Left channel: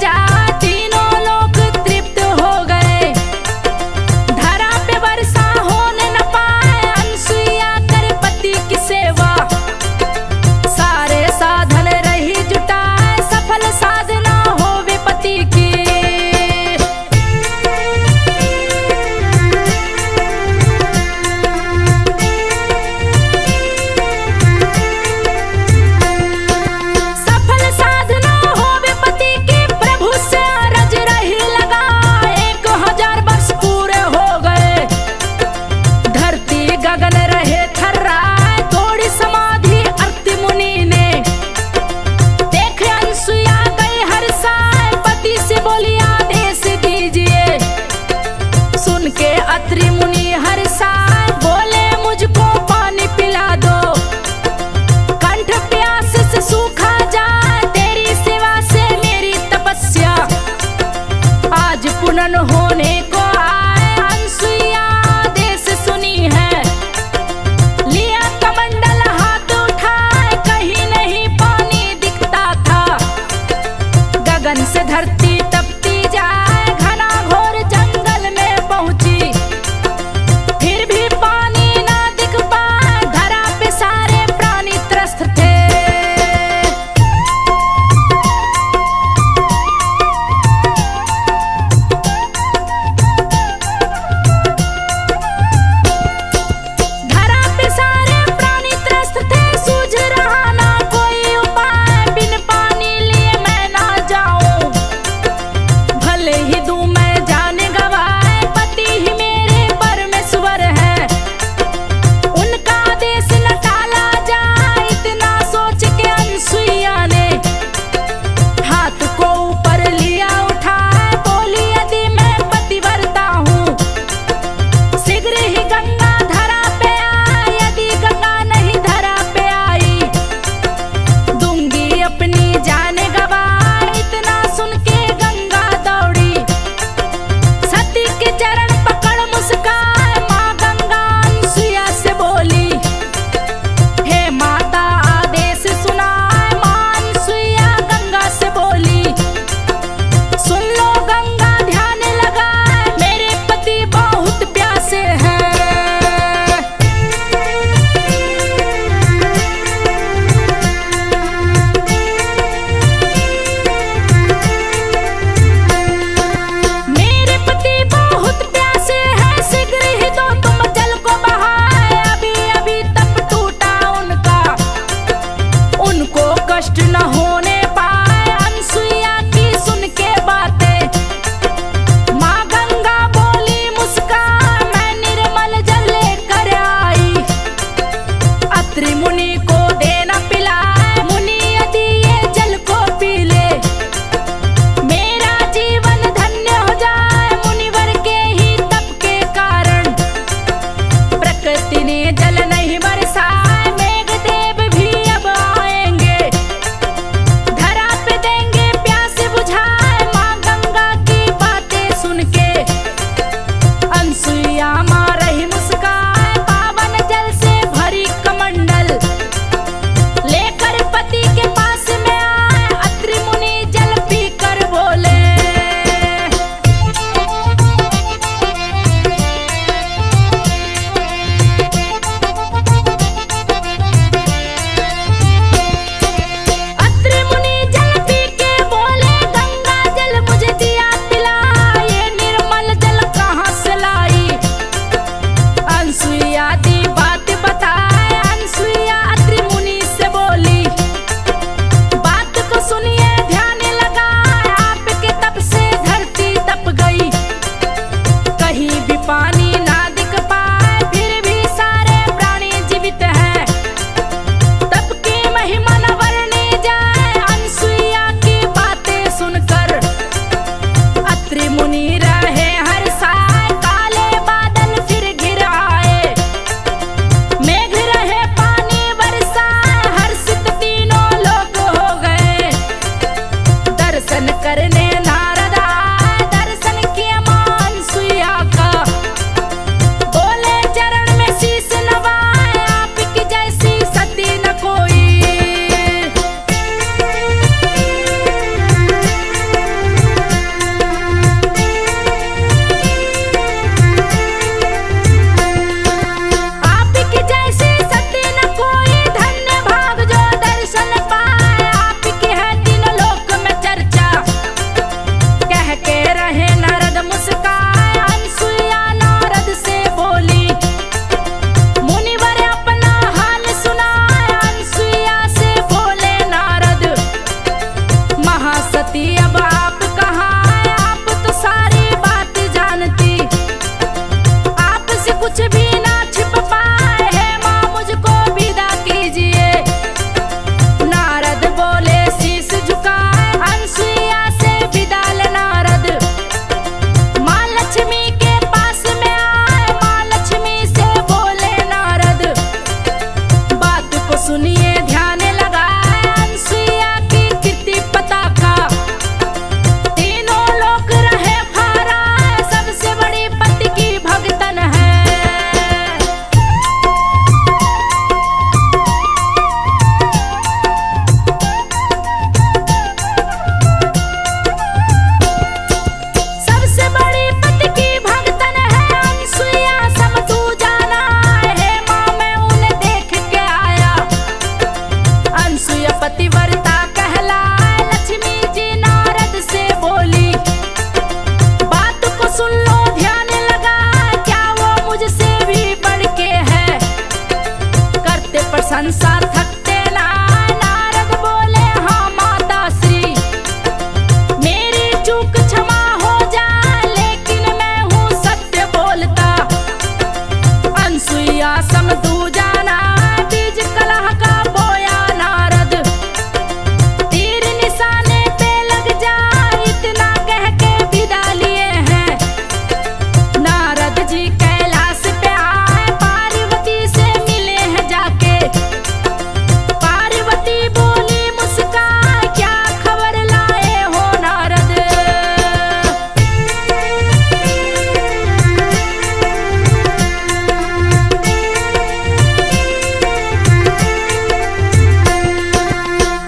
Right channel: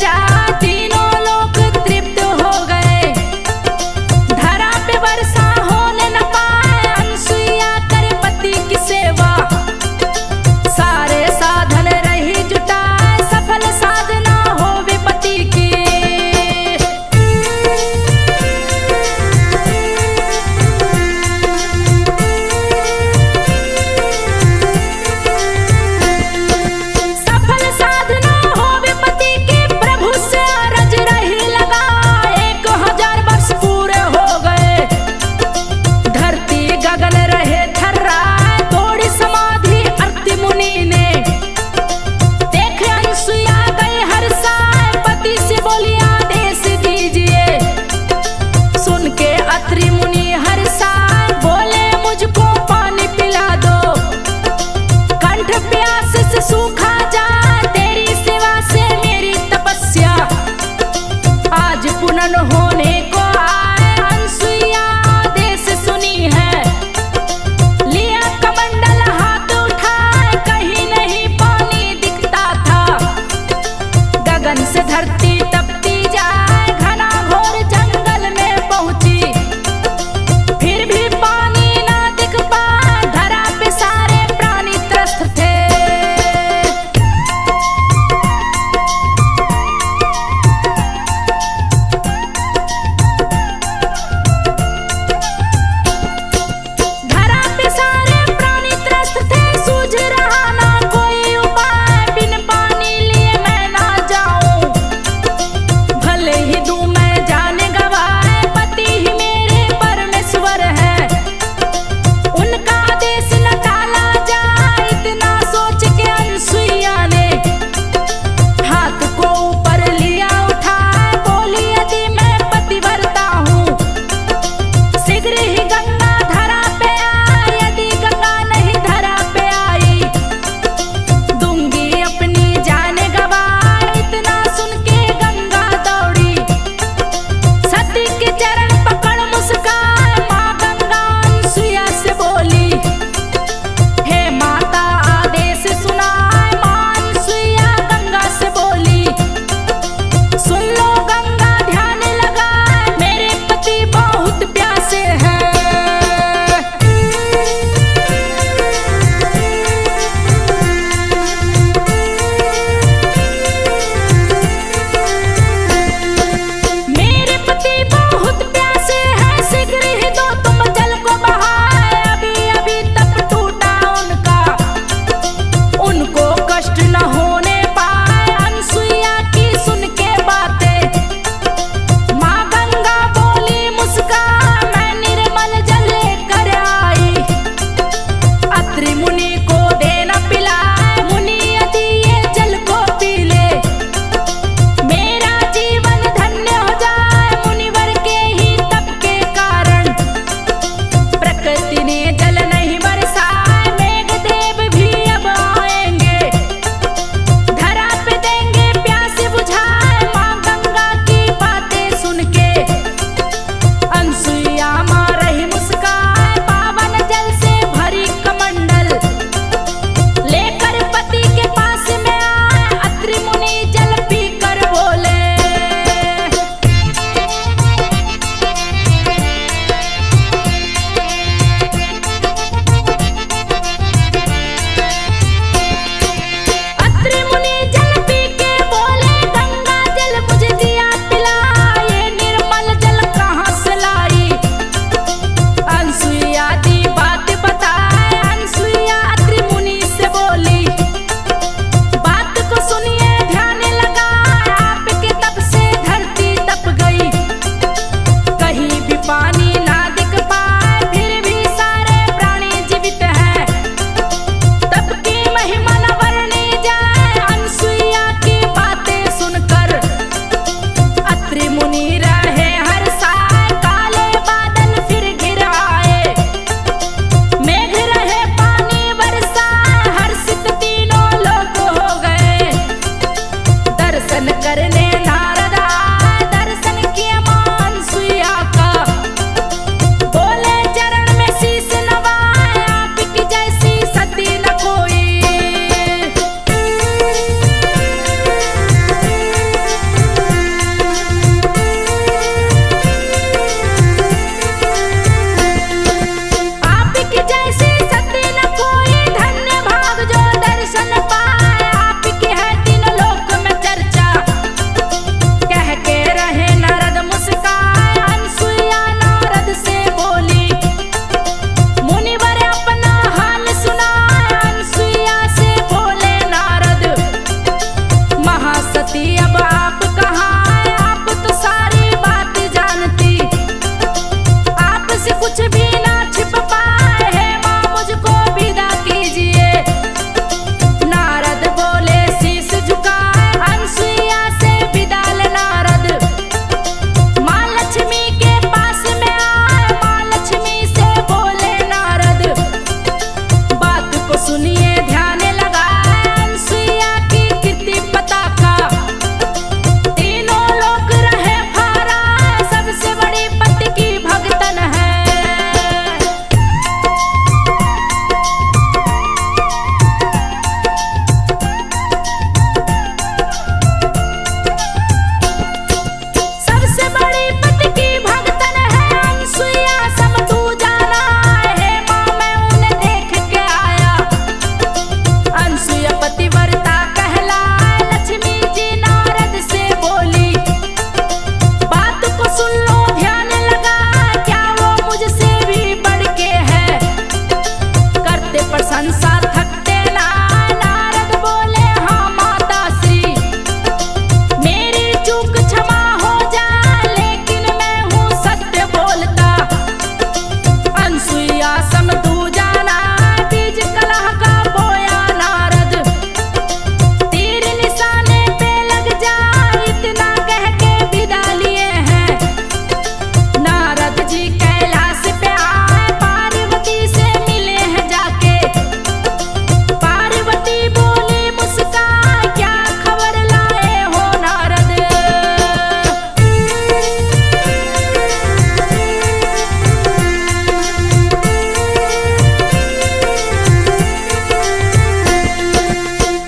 जा तीनों लोग तृप्त हो गए। धरा पे वर्षा होने न पाए, अनसुईया करे पति की सेवा। सारे साधन रही जुटाए, सफल साधना हो विपत्ति की। गगन रहे थर्राए, तोड़ी समाधि अर्ति मुनि ने। देख अनसुईया गई हर्षाए, पति से बोली आदेश दीजिए। सुन के अत्रि मुनि हर्षाए, बोले मुझको पानी पिला दो। कंठ प्यास से सूखा जाए, तेरी सेवा से मेरी तपस्या। आज पुनः होने को आए, अनसुईया आदेश सुनी है। लिया कमंडल हाथ उठाए, कहीं नहीं पानी दिखता था। गगन से धरती तपती जाए, घना घोर जंगल में पहुंची। फिर भी पानी ना दिख पाए, धरा पे सारे प्राणी त्रस्त थे। वर्ता कहलाए। लक्ष्मी जी नारद से बोली, बात को सुन लो ध्यान लगा, क्या वो मुझसे भी बढ़ के है, करते प्रशंसा थकते ना। नारद बोले, हाँ माता श्री, मेरी चूक क्षमा हो जा, लेकिन मैं हूँ सत्य बोलता। अनसुईया समझू जाना, बीज कलह का बोया नारद, तीर निशाने पे लग जा, इतना कह के विदा लिए हैं। नारद जी कैलाश पे आए, पार्वती से मिले हैं जाके। पार्वती बोली मुस्कान, क्या खबर लाए हो नारद।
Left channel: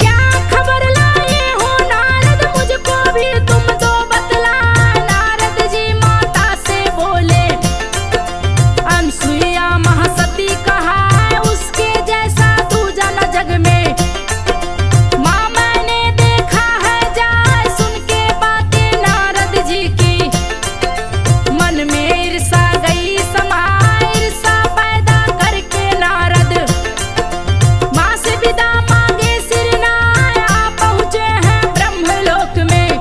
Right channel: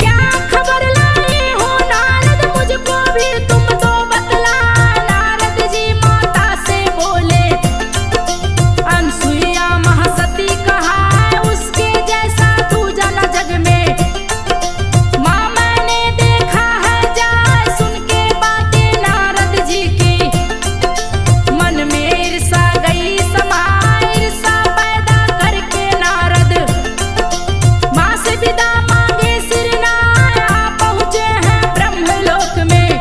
क्या खबर लाए हो नारद, मुझको भी तुम दो बतला। नारद जी माता से बोले, अनसुईया महासती कहा है, उसके जैसा दूजा न जग में। माँ मैंने देखा है जाए, सुन के बातें नारद जी की, मन में ईर्षा गई समाए। ईर्षा पैदा करके नारद माँ से विदा मांगे सिरनाए, आ पहुँचे हैं ब्रह्मलोक में।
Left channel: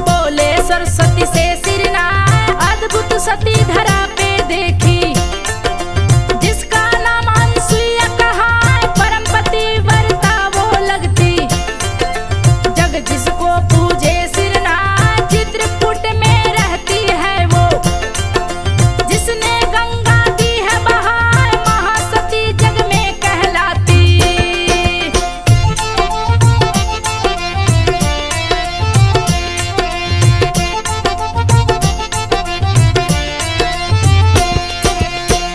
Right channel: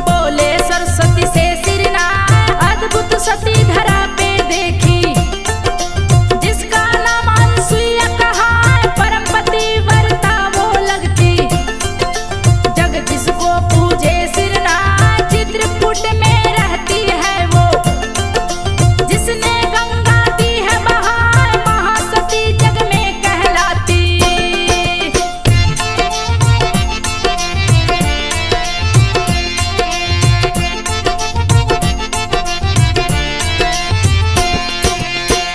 बोले सरस्वती से सिरनाए, अद्भुत सती धरा पे देखी, जिसका नाम अनसुईया कहा है, परमपति वर्ता वो लगती। जग जिसको पूजे सिरनाए, चित्रकूट में रहती है वो, जिसने गंगा दी है बहाए, महासती जग में कहलाती।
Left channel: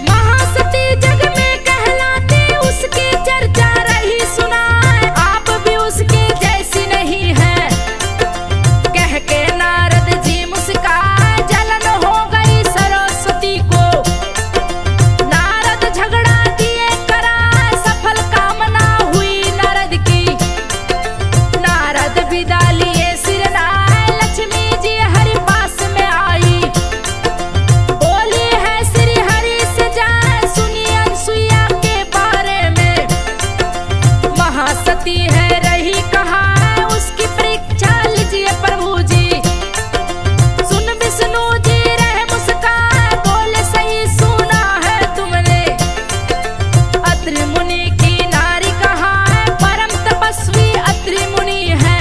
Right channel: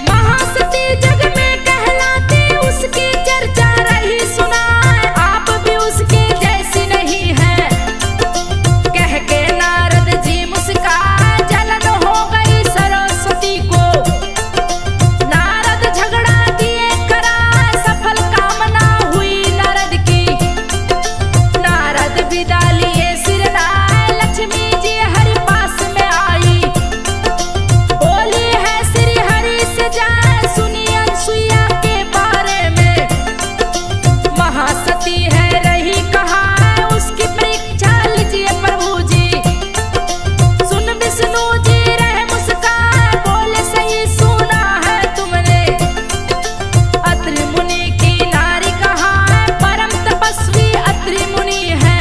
महासती जग में कहलाती, उसकी चर्चा रही सुनाए, आप भी उसके जैसी नहीं है। कह के नारद जी मुस्काए, जलन हो गई सरस्वती को। नारद झगड़ा किए कराए, सफल कामना हुई नारद की। नारद विदा लिए सिरनाए, लक्ष्मी जी हरि पास में आई। बोली है श्री हरि से जाए, सुनिए अनसुईया के बारे में। महासती है रही कहा है, उसकी परीक्षा लीजिए प्रभु जी। सुन विष्णु जी रहे मुस्कान, बोले सही सुना है तुमने। अत्रि मुनि की नारी कहा है, परम तपस्वी अत्रि मुनि है।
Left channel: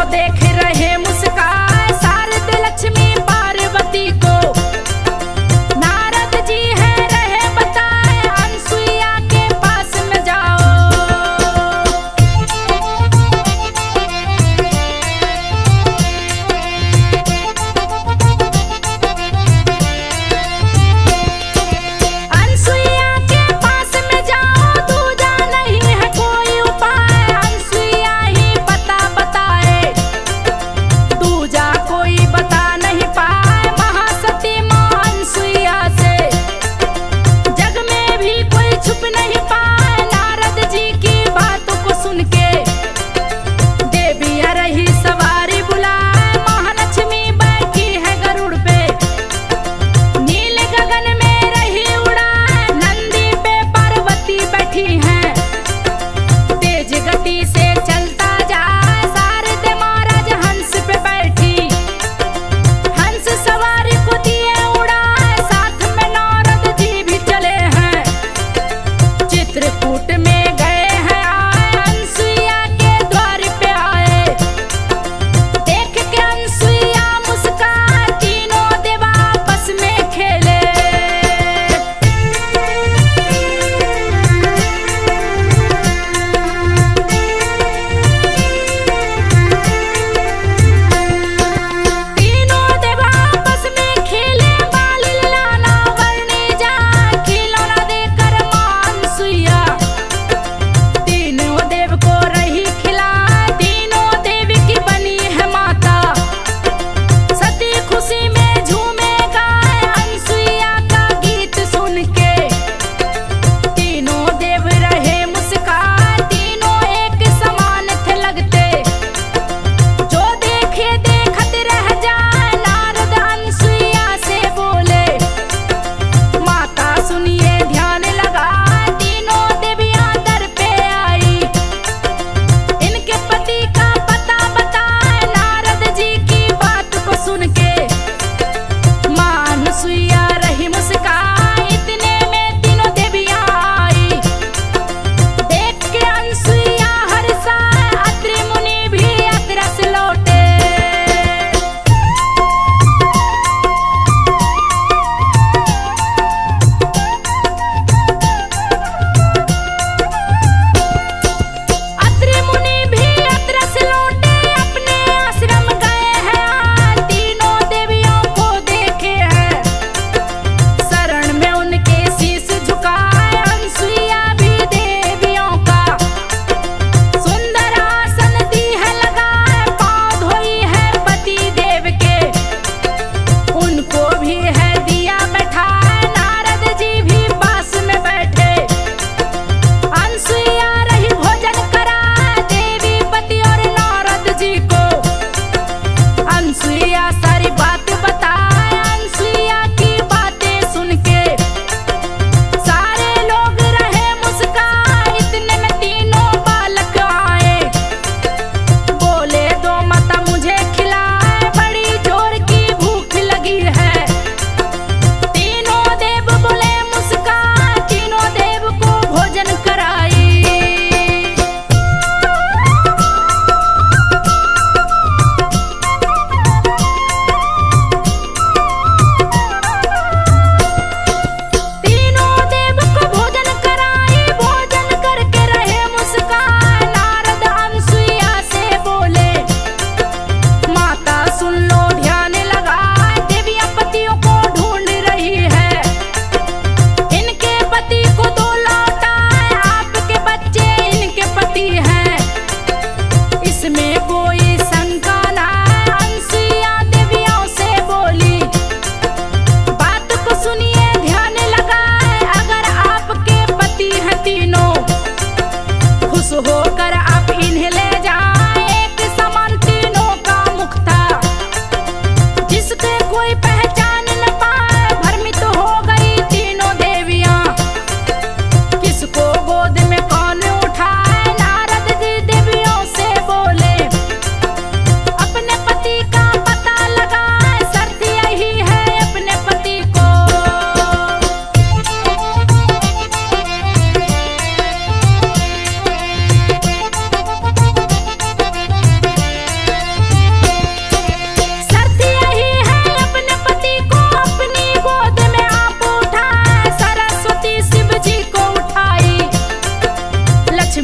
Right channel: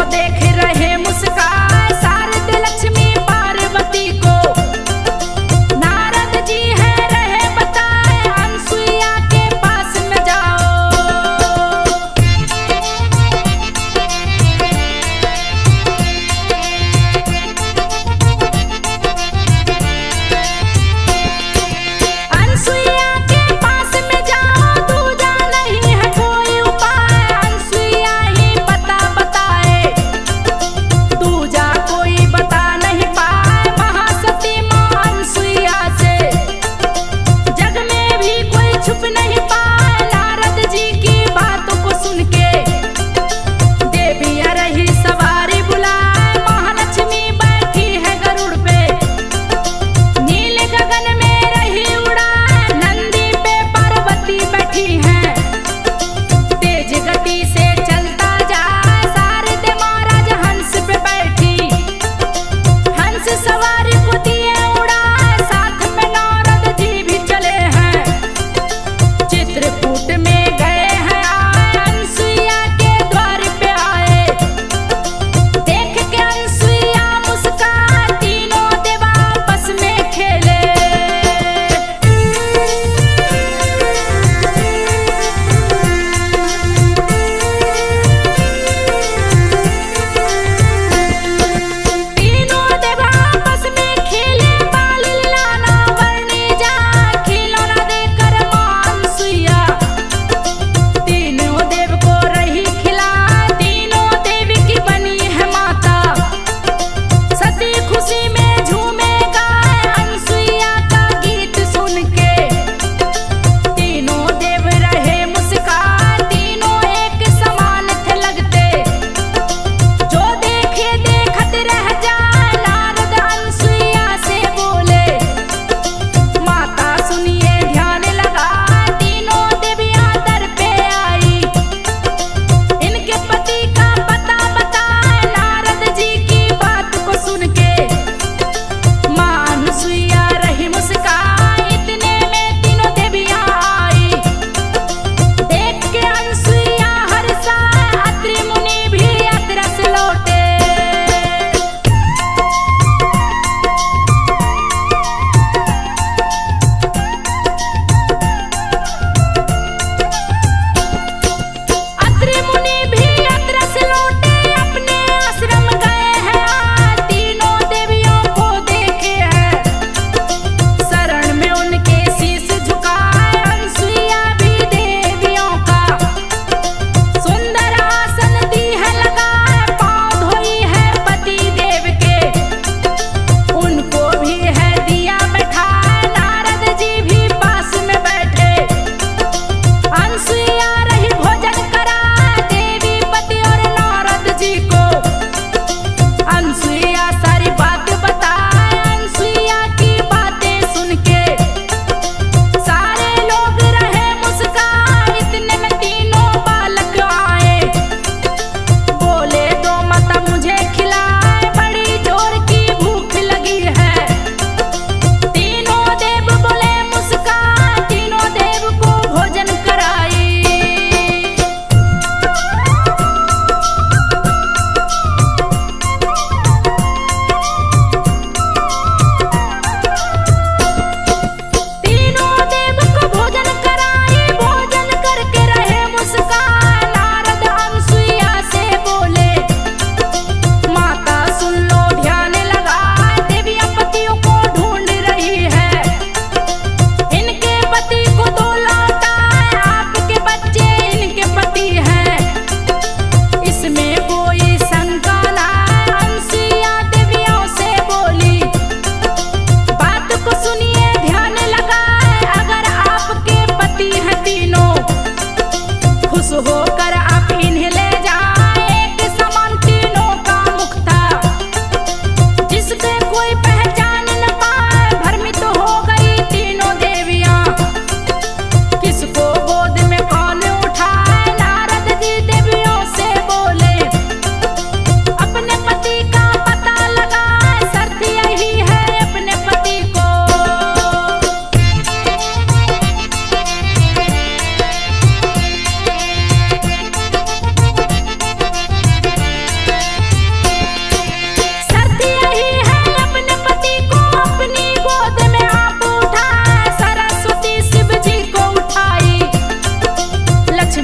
को देख रहे मुस्काए शारद लक्ष्मी पार्वती को नारद जी है रहे बताए अनसुईया के पास में जाओ। अनसुईया के पास में जाओ दूजा नहीं है कोई उपाय अनसुईया ही बता बताए दूजा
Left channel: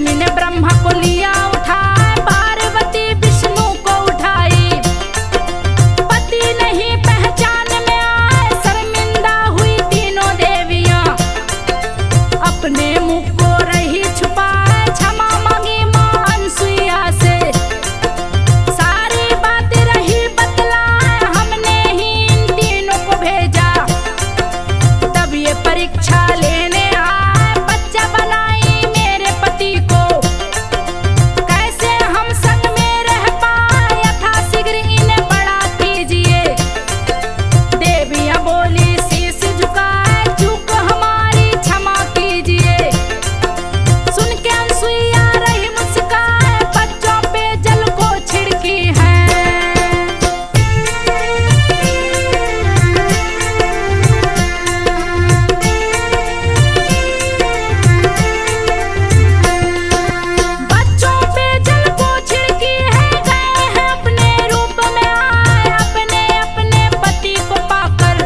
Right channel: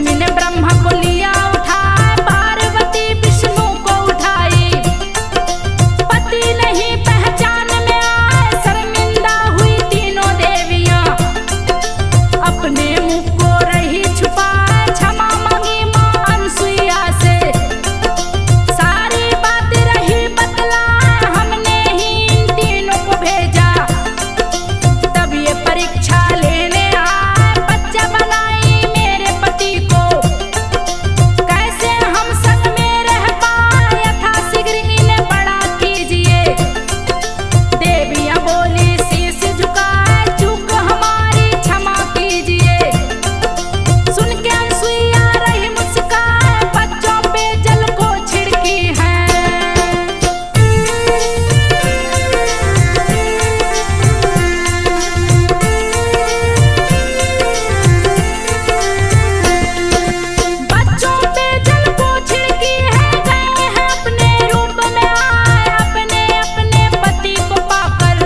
लक्ष्मी ने ब्रह्मा को लिया उठाए, पार्वती विष्णु को उठाई। पति नहीं पहचान में आए, शर्मिंदा हुई तीनों देवियां। अपने मुख को रही छुपाए, क्षमा मांगी मां अनसुईया से। सारी बात रही बतलाए, हमने ही इन तीनों को भेजा। तब ये परीक्षा लेने आए, बच्चा बनाई मेरे पति को। कैसे हम संग में रह पाए, यथाशीघ्र इन्हें बड़ा कीजिए। देवियां बोली शीश झुकाए, चूक हमारी क्षमा कीजिए। सुन के अनसुईया रही मुस्काए, बच्चों पे जल को छिड़की है। बच्चों पे जल को छिड़की है, गए हैं अपने रूप में आए, अपने अपने पति को पाकर।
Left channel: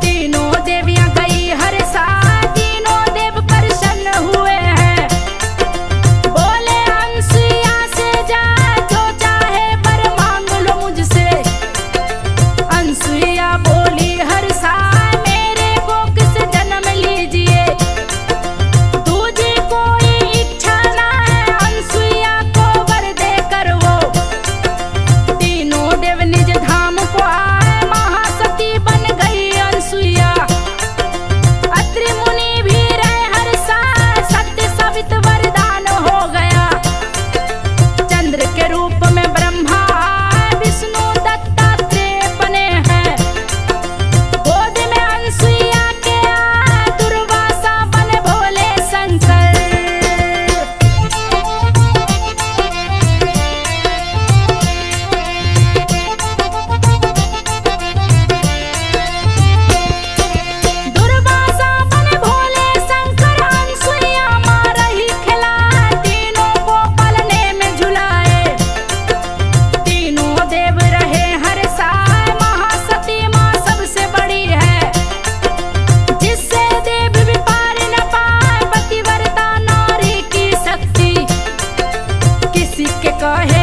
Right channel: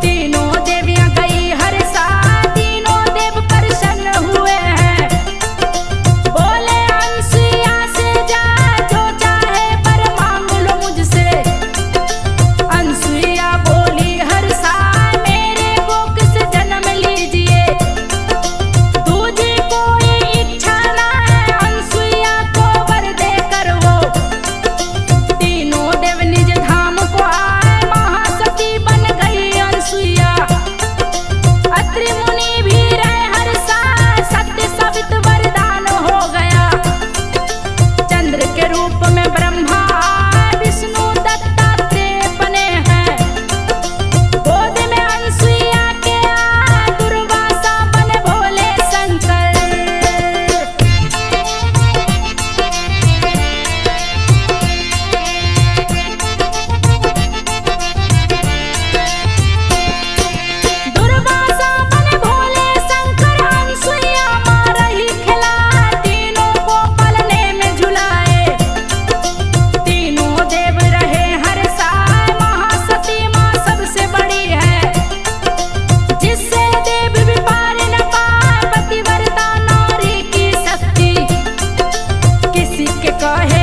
तीनों देवियां गई हर साल, तीनों देव प्रसन्न हुए हैं। बोले अनसुईया से जा, जो चाहे वर मांग लो मुझसे। अनसुईया बोली हर साल, मेरे को किस जन्म लीजिए। दूजी कोई इच्छा ना है, अनसुईया को वर देकर वो। तीनों देव निज धाम को आए, महासती बन गई अनसुईया। अत्रि मुनि भी रहे हर साल, सत्य सवित वरदान हो गया। चंद्र के रूप में ब्रह्मा आए, विष्णु दत्तात्रेय बने हैं। गोद में अनसुईया के आए, दुर्वासा बने भोले शंकर। दुर्वासा बने भोले शंकर, अनसुईया मां रही खिलाए, तीनों को पलने में झुलाए। तीनों देव रहे हर साल, महासती मां सबसे बड़ी है। जिससे देव भी पार न पाए, पतिव्रता नारी की शक्ति। किसी के कहे